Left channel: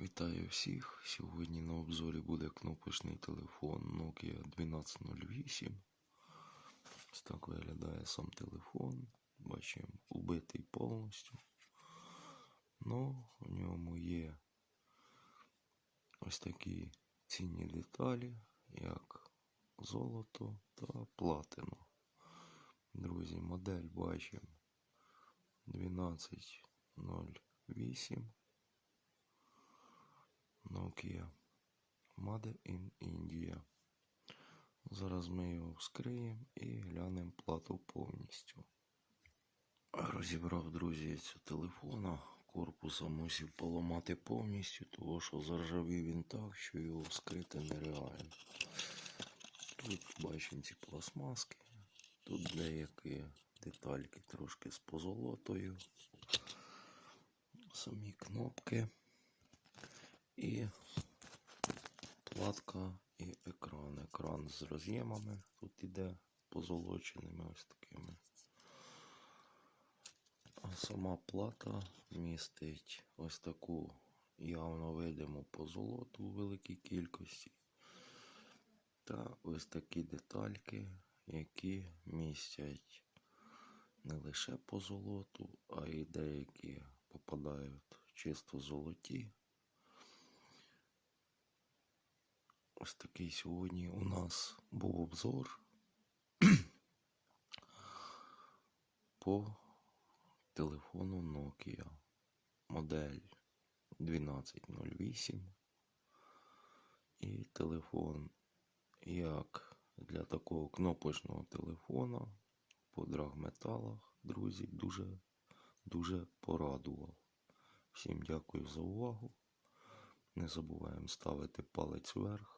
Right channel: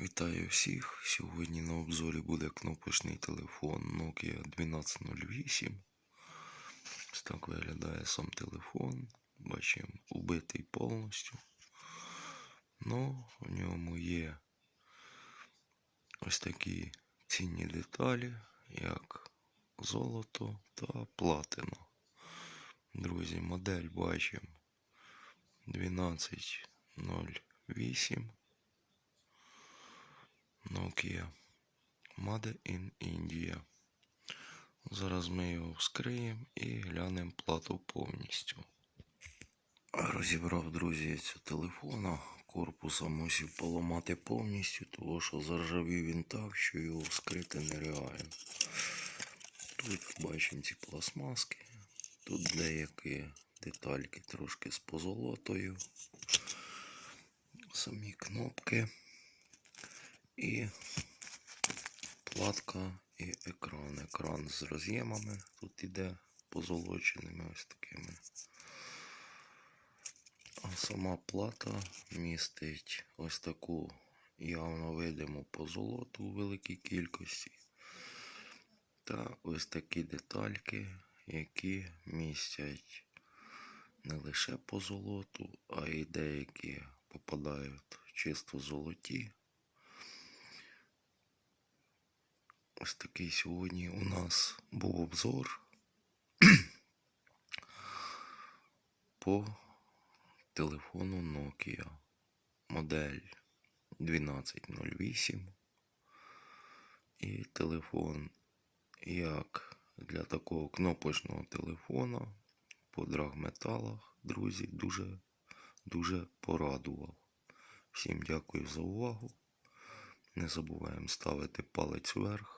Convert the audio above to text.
Вітаю всіх! Сьогодні на обзорі буде кнопочний телефон Nokia 1208. Ось так виглядає сам телефон. Бачимо, убитий повністю. Ну, в ньому є ось такі цінні деталі, як золото та платина. Друзі, модель бачимо 1208. Nokia Made in India. Зараз ми його вскриємо і глянемо плату повністю. Розібрав, друзі, цю телефона. Корпуса мусив поламати повністю, тому що заржавів він так, що його вскрити нереально. Тут бачимо ці пластмаски. Тут деякі детальки трошки з позолотою. Самі кнопки. І платка і екран. Екран з роз'ємами. Тут іде позолоченими ось такими. А сама плата містить ось таку явно видиму позолоту у великій кількості. Та ось такі детальки, які містять не лише позолоту, а й деякі попадають чисто золоті. Ось такий сьогодні у нас був обзор по телефону Nokia модель 1208 і телефон як для такого кнопочного телефона по драгметалах, друзі, дуже дуже порадував. Всім дякую за увагу. Не забуваємо ставити палець вверх.